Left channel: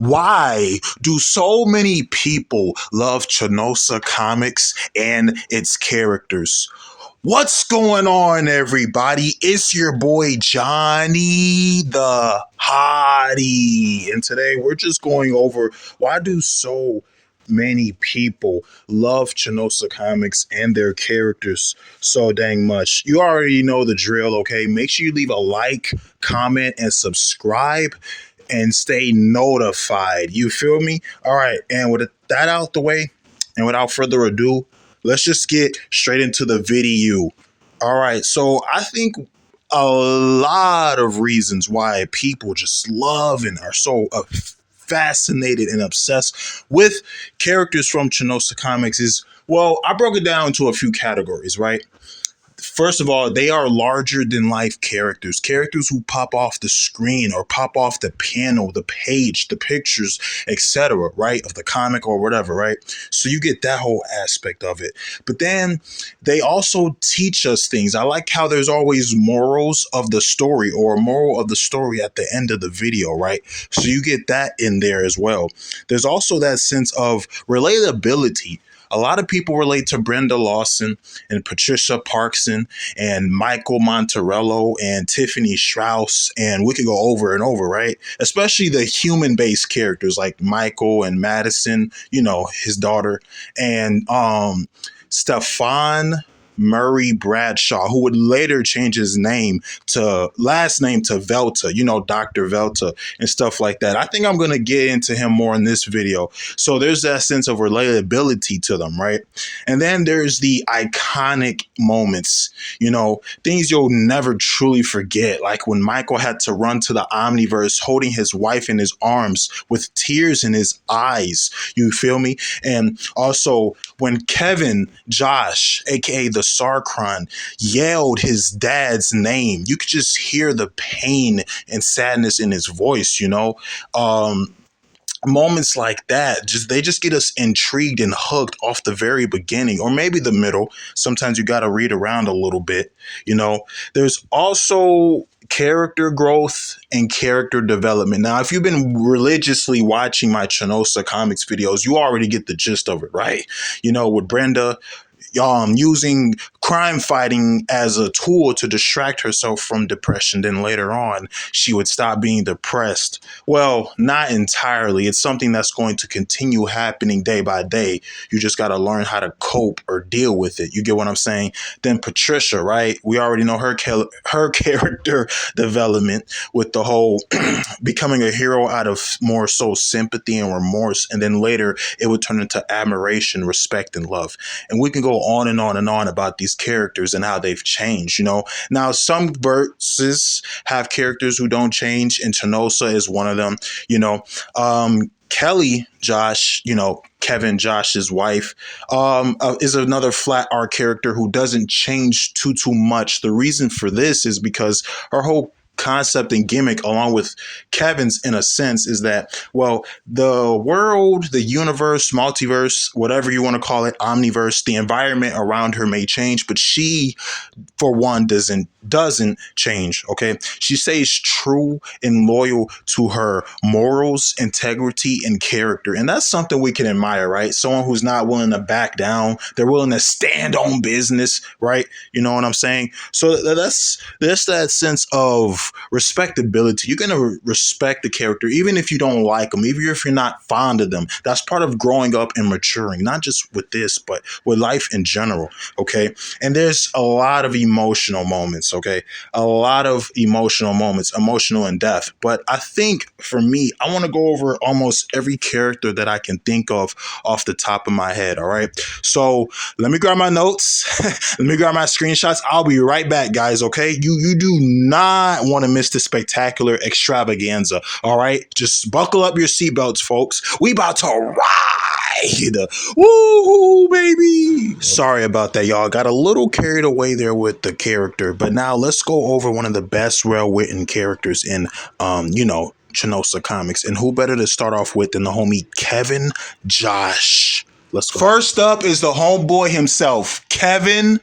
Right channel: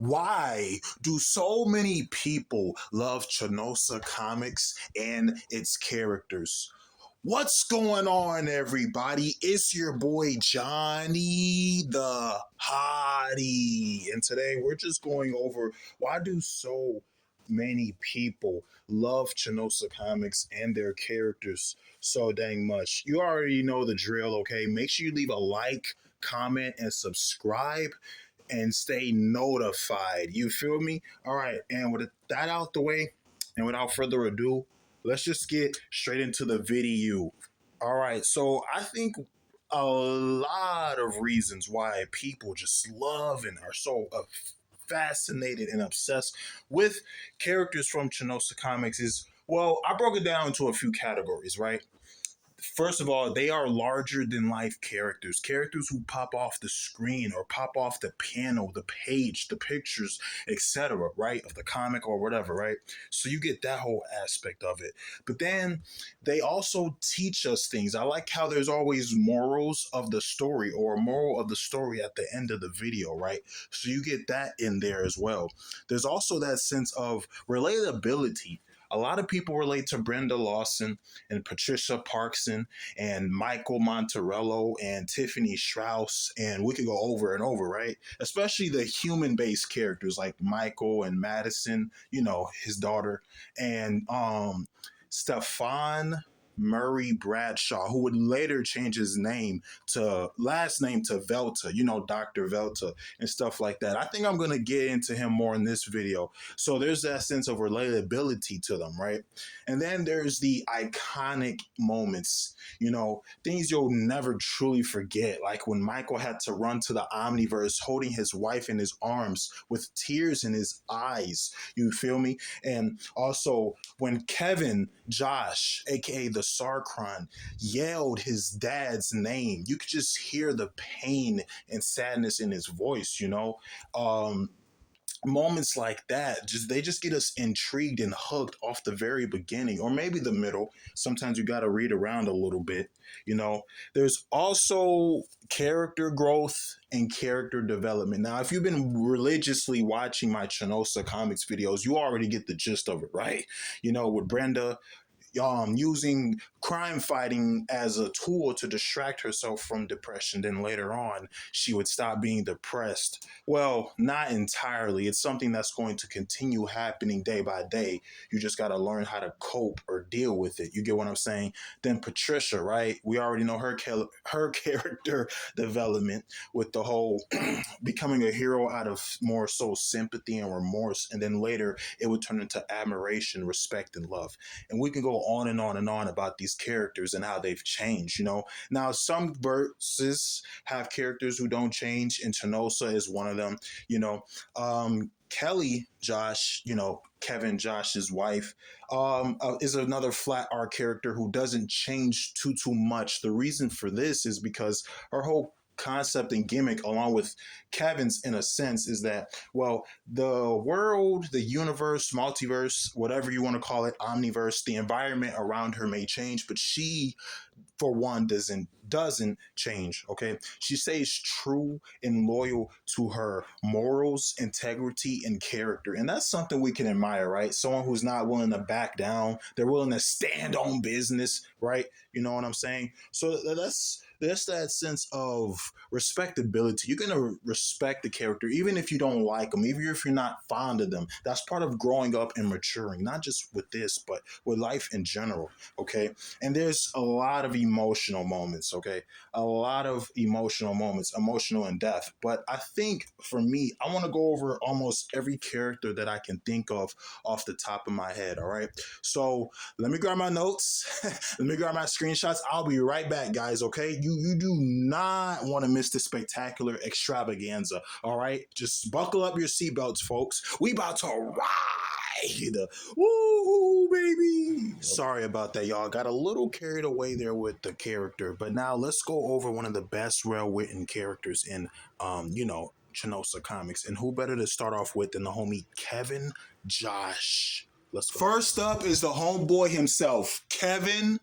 Why do so many people love Chanosa Comics and its characters? What's going on, everybody? It's your boy Johnny the Hottie, and today we're just going over why do so many people love Chanosa Comics and their characters so dang much. You already know the drill, okay? Make sure you leave a like, comment, and subscribe and stay notified. You feel me? All right. And with that out the way, and without further ado, let's just get straight into the video. All right. So I think a lot of reasons why people just love and are so fascinated and obsessed with characters from Chanosa Comics is, well, I broke it down into a few categories, right? First of all, they are larger than life characters who pop off the screen or pop off the panel, the page, the pictures, etc., right, of the comic or whatever, right? So you get that whole aspect of it. But then they also teach us things. I like how there's always morals of the story or a moral of the story at the end of the video, right? So you get that in there as well. There's also that sense of relatability. A lot of people relate to Brenda Lawson and Patricia Parkson and Michael Monterello and Tiffany Strauss, and we could go over and over, right? Especially the human-based characters like Michael and Madison, you know, his daughter, and Stefan Murray Bradshaw, who would later change his last name to Velta, you know, Dr. Velta and stuff like that. I think I'm going to get into him more in this video. So there's that sense of relatability to them, right? And then there's the iconic moments, you know, things you'll never truly forget, like when Michael had to run to the Omniverse holding his wife in his arms with tears in his eyes. You feel me? And also when Kevin Josh, aka the Sarkron, yelled his dad's name, you could just hear the pain and sadness in his voice, you know? Moments like that, they just get us intrigued and hooked off the very beginning, or maybe the middle. Sometimes you got to read around a little bit, you know. There's also character growth and character development. Now, if you've been religiously watching my Chanosa Comics videos, you already get the gist of it, right? You know, with Brenda using crime fighting as a tool to distract herself from depression. Then later on, she would stop being depressed. Well, not entirely. It's something that's going to continue happening day by day. You just got to learn how to cope or deal with it. You get what I'm saying? Then Patricia, right? We already know her character development with the whole becoming a hero out of more so sympathy and remorse. And then later, it would turn into admiration, respect, and love. And we can go on and on and on about these characters and how they've changed, you know. Now, some verses have characters who don't change, and Chanosa is one of them, you know. Kelly Josh, you know, Kevin Josh's wife, is another flat art character who doesn't change too much. The reason for this is because her whole concept and gimmick, along with Kevin's in a sense, is that, well, the world, the universe, multiverse, whatever you want to call it, omniverse, the environment around her may change, but she, for one, doesn't change. Okay, she stays true and loyal to her morals, integrity, and character, and that's something we can admire, right? Someone who's not willing to back down, they're willing to stand on business, right? You know what I'm saying? So that's that sense of respectability. You're gonna respect the character even if you don't like them, even if you're not fond of them. That's part of growing up and maturing, not just with this, but with life in general. Okay, and there's a lot of emotional moments. Okay, a lot of emotional moments, emotional in depth. But I think for me, I want to go over almost every character that I can think of off the top of my head. All right, so let me grab my notes. Let me grab my screenshots. I'll be right back, guys. Okay, you do not want to miss the spectacular extravaganza. All right, just buckle up your seatbelts, folks. We about to ride. Woo, baby. Sorry about that, y'all. Got a little carried away there with the character, but now let's go over one of the best well-written characters in, you know, Chanosa Comics. And who better to start off with than the homie Kevin Josh? Let's go. First up is the homeboy himself, Kevin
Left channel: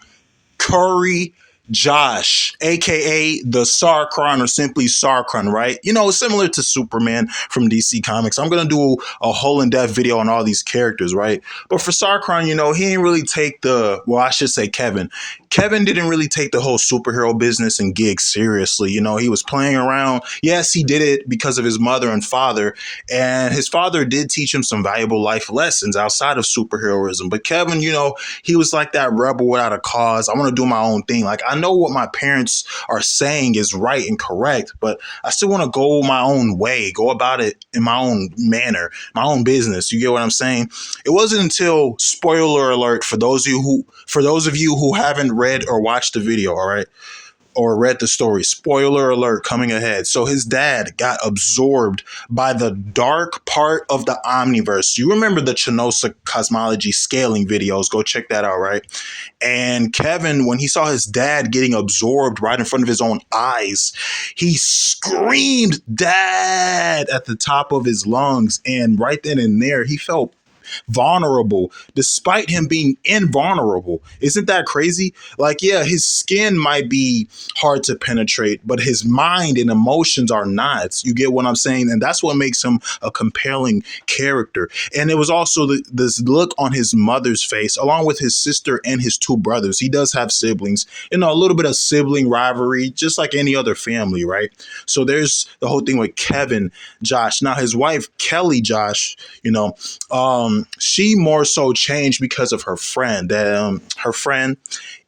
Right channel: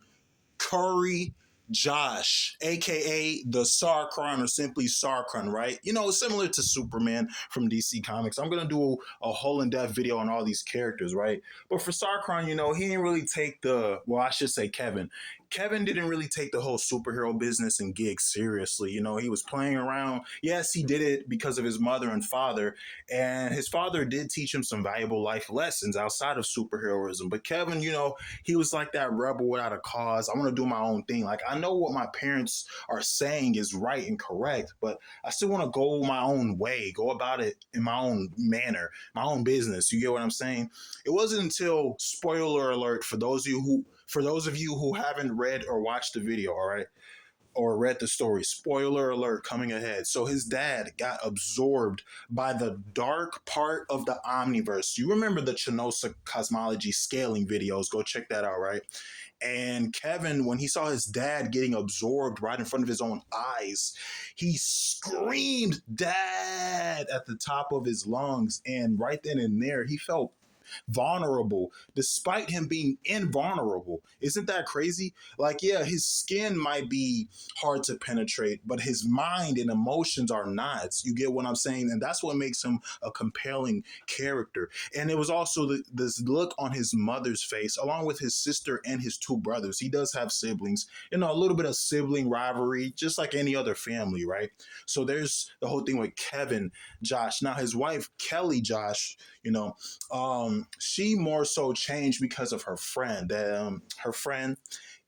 Curry Josh, aka the Sarkron or simply Sarkron, right? You know, similar to Superman from DC Comics. I'm gonna do a whole in-depth video on all these characters, right? But for Sarkron, you know, he didn't really take the well, I should say Kevin. Kevin didn't really take the whole superhero business and gig seriously. You know, he was playing around. Yes, he did it because of his mother and father, and his father did teach him some valuable life lessons outside of superheroism. But Kevin, you know, he was like that rebel without a cause. I want to do my own thing. Like, I know what my parents are saying is right and correct, but I still want to go my own way, go about it in my own manner, my own business. You get what I'm saying? It wasn't until, spoiler alert, for those of you who haven't read or watched the video, all right, or read the story. Spoiler alert coming ahead. So his dad got absorbed by the dark part of the omniverse. You remember the Chanosa cosmology scaling videos? Go check that out, right? And Kevin, when he saw his dad getting absorbed right in front of his own eyes, he screamed, "Dad!" at the top of his lungs. And right then and there, he felt vulnerable despite him being invulnerable. Isn't that crazy? Like, yeah, his skin might be hard to penetrate, but his mind and emotions are not. You get what I'm saying? And that's what makes him a compelling character. And it was also this look on his mother's face, along with his sister and his two brothers. He does have siblings, you know, a little bit of sibling rivalry, just like any other family, right? So there's the whole thing with Kevin, Josh. Now, his wife, Kelly, Josh, you know, she more so changed because of her friend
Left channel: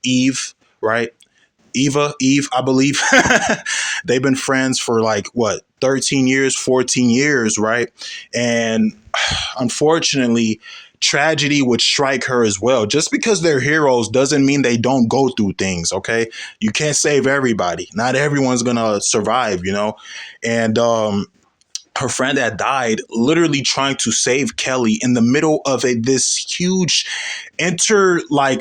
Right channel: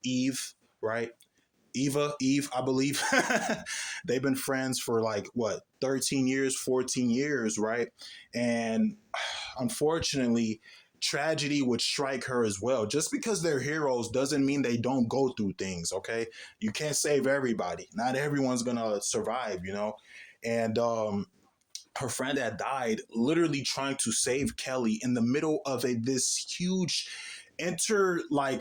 Eve, right? Eve, I believe. They've been friends for like what, 13 years, 14 years, right? And unfortunately, tragedy would strike her as well. Just because they're heroes doesn't mean they don't go through things, okay? You can't save everybody. Not everyone's gonna survive, you know? And her friend that died literally trying to save Kelly in the middle of this huge multiversal,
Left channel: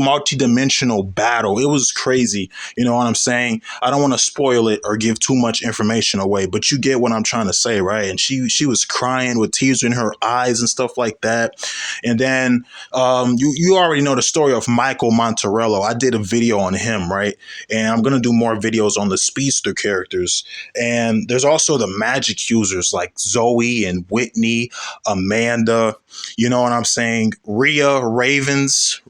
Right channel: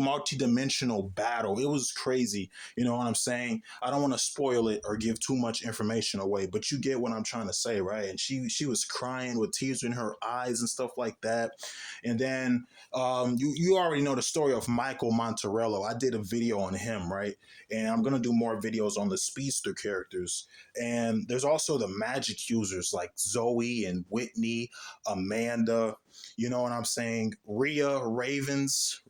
multidimensional battle. It was crazy. You know what I'm saying? I don't want to spoil it or give too much information away, but you get what I'm trying to say, right? And she was crying with tears in her eyes and stuff like that. And then you already know the story of Michael Monterello. I did a video on him, right? And I'm gonna do more videos on the speedster characters. And there's also the magic users like Zoe and Whitney, Amanda, you know what I'm saying? Rhea, Ravens,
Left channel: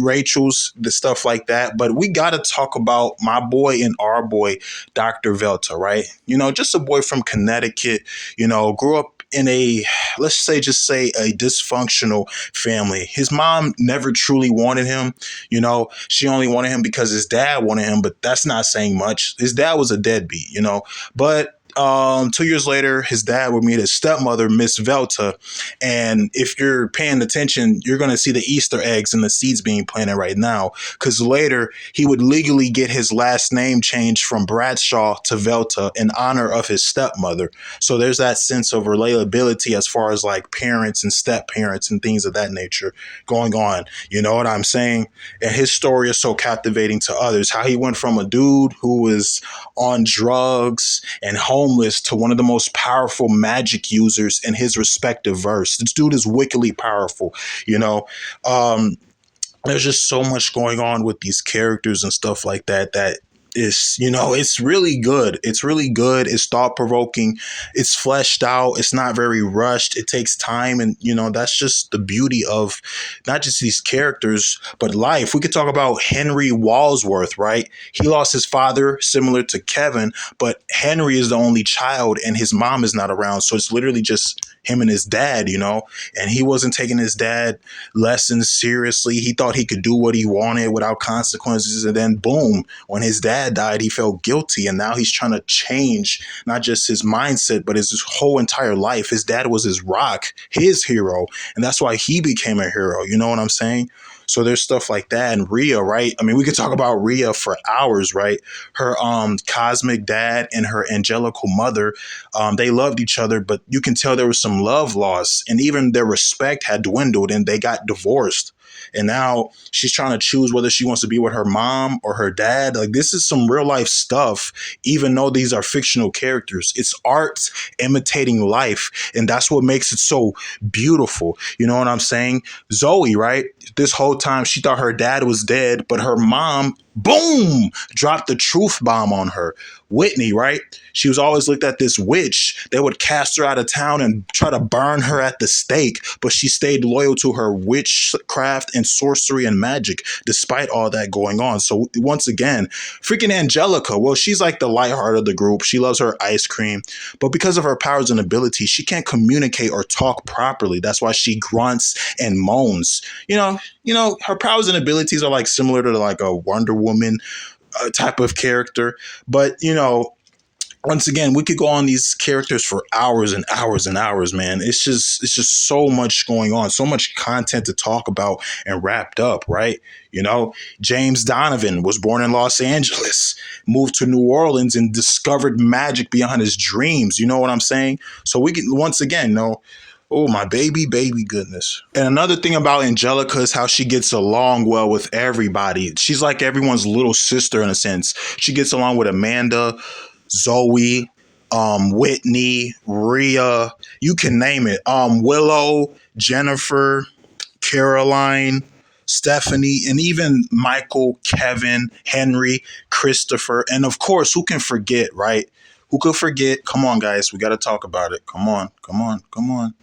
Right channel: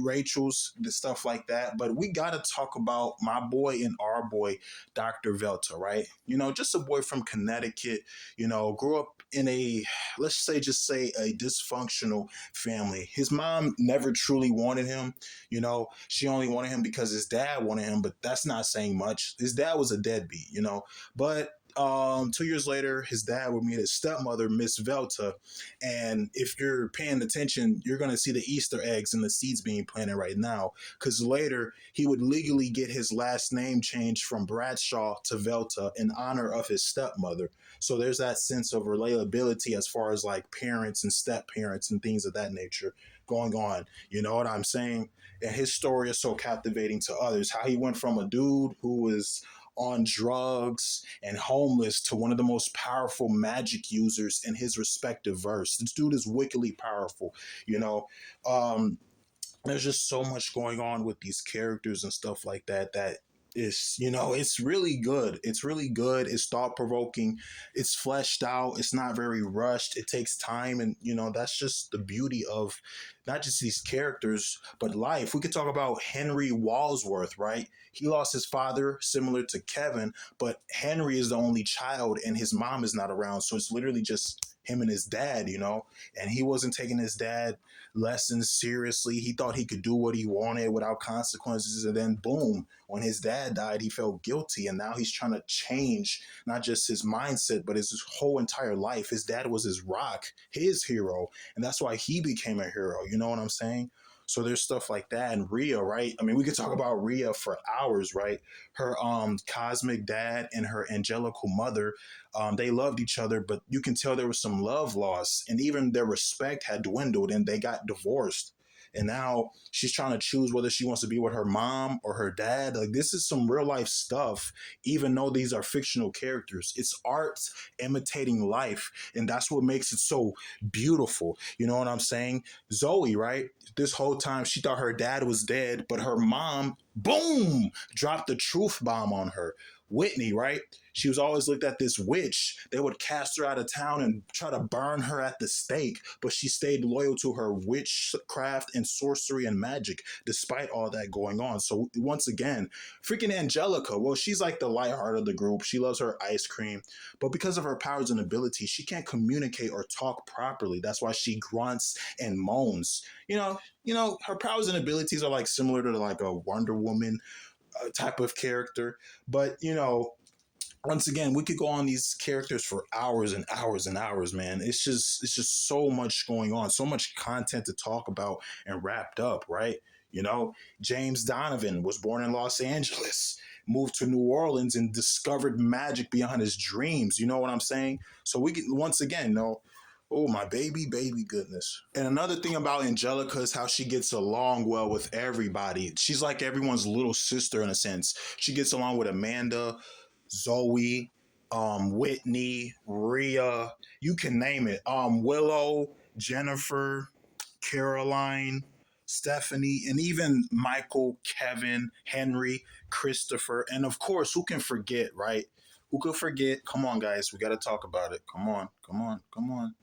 Rachel's, the stuff like that. But we got to talk about my boy and our boy, Dr. Velta, right? You know, just a boy from Connecticut, you know, grew up in let's say, just say a dysfunctional family. His mom never truly wanted him. You know, she only wanted him because his dad wanted him, but that's not saying much. His dad was a deadbeat, you know, but 2 years later, his dad would meet his stepmother, Miss Velta. And if you're paying attention, you're going to see the Easter eggs and the seeds being planted right now. Because later, he would legally get his last name changed from Bradshaw to Velta in honor of his stepmother. So there's that sense of relatability as far as like parents and step parents and things of that nature going on. You know what I'm saying? And his story is so captivating to others. How he went from a dude who was on drugs and homeless to one of the most powerful magic users in his respective verse. This dude is wickedly powerful, you know. There's just so much going on with these characters and stuff like that that is, you know, it's really good. It's really good. It's thought provoking. It's fleshed out. It's not very rushed. It takes time. And, you know, that's just the beauty of not just these characters, but life. We could talk about Henry Walsworth, right? He lost his father, similar to Kevin, but Henry is the only child and his mom is not around. So it's literally just him and his dad, you know, and he wasn't taking his dad lessons seriously. He thought he could do what he wanted without consequences. And then boom, when his dad died, he felt guilty. And now he's trying to change not just his mindset, but his whole entire life. His dad was his rock, his hero. And that's why he became a hero. You know what I'm saying? So there's stuff like that. And Rhea, right? I mean, we could talk about Rhea for hours, right? Her cosmic dad and her angelical mother, they loved each other, but you can tell there was some love loss, and even their respect had dwindled, and they got divorced. And now she's trying to choose whether she wants to be with her mom or her dad. Like, this is some real life stuff, even though these are fictional characters. It's art imitating life. And that's what makes it so beautiful. You know what I'm saying? Zoe, right? This whole time she thought her dad was dead, but her mom boom, dropped the truth bomb on her. Whitney, right? She was always looked at this witch. They would cast her out of town and try to burn her at the stake, but she stayed loyal to her witchcraft and sorcery and magic despite all that going on. So once again, freaking Angelica, well, she's like the lightheart of the group. She loves her ice cream, but because of her powers and abilities, she can't communicate or talk properly. That's why she grunts and moans. Her powers and abilities are like similar to like a Wonder Woman type of character, but once again, we could go on these characters for hours and hours and hours, man. It's just so much going on, so much content to talk about and wrapped up, right? James Donovan was born in Los Angeles, moved to New Orleans, and discovered magic beyond his dreams. You know what I'm saying? So we can once again know. Oh, my baby goodness. And another thing about Angelica is how she gets along well with everybody. She's like everyone's little sister in a sense. She gets along with Amanda, Zoe, Whitney, Rhea, you can name it. Willow, Jennifer, Caroline, Stephanie, and even Michael, Kevin, Henry, Christopher, and of course, who can forget, right? Who could forget? Come on, guys, we got to talk about it. Come on, come on, come on.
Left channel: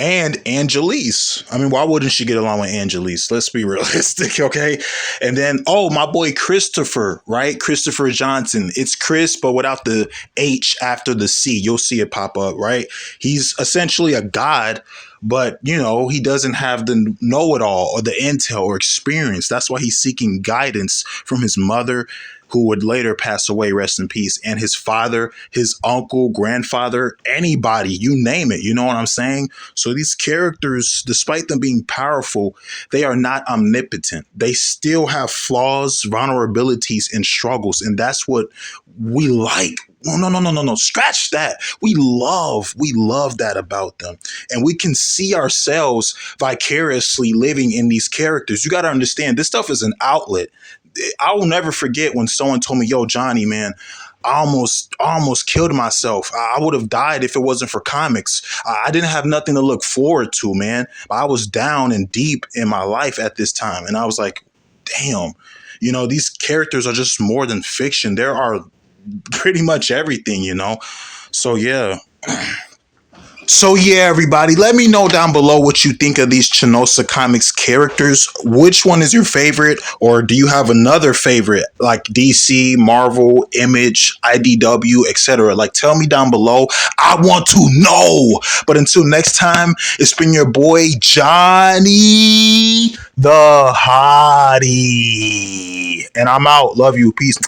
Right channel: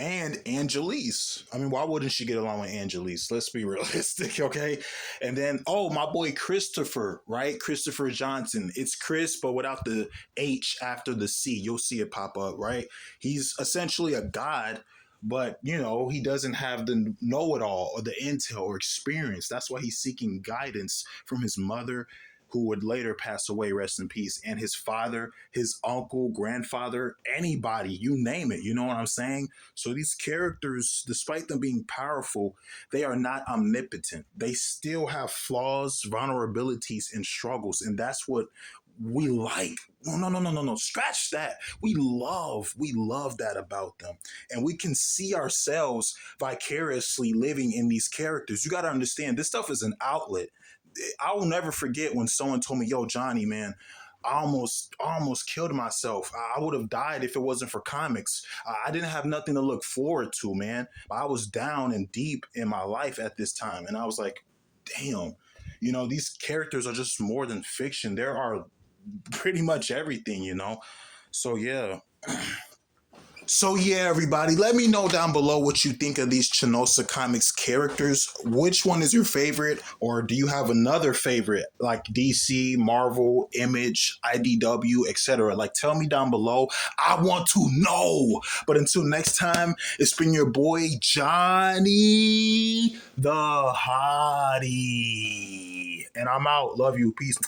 And Angelise. I mean, why wouldn't she get along with Angelise? Let's be realistic, okay? And then, oh, my boy Christopher, right? Christopher Johnson. It's Chris, but without the H after the C. You'll see it pop up, right? He's essentially a god, but, he doesn't have the know it all or the intel or experience. That's why he's seeking guidance from his mother, who would later pass away, rest in peace, and his father, his uncle, grandfather, anybody, you name it. You know what I'm saying? So these characters, despite them being powerful, they are not omnipotent. They still have flaws, vulnerabilities, and struggles. And that's what we like. No. Scratch that. We love that about them. And we can see ourselves vicariously living in these characters. You got to understand, this stuff is an outlet. I will never forget when someone told me, "Yo, Johnny, man, I almost killed myself. I would have died if it wasn't for comics. I didn't have nothing to look forward to, man. I was down and deep in my life at this time." And I was like, damn, these characters are just more than fiction. There are pretty much everything. So, yeah. So yeah, everybody, let me know down below what you think of these Chanosa Comics characters. Which one is your favorite, or do you have another favorite like DC, Marvel, Image, IDW, etc.? Like, tell me down below. I want to know. But until next time, it's been your boy Johnny the Hottie, and I'm out. Love you. Peace.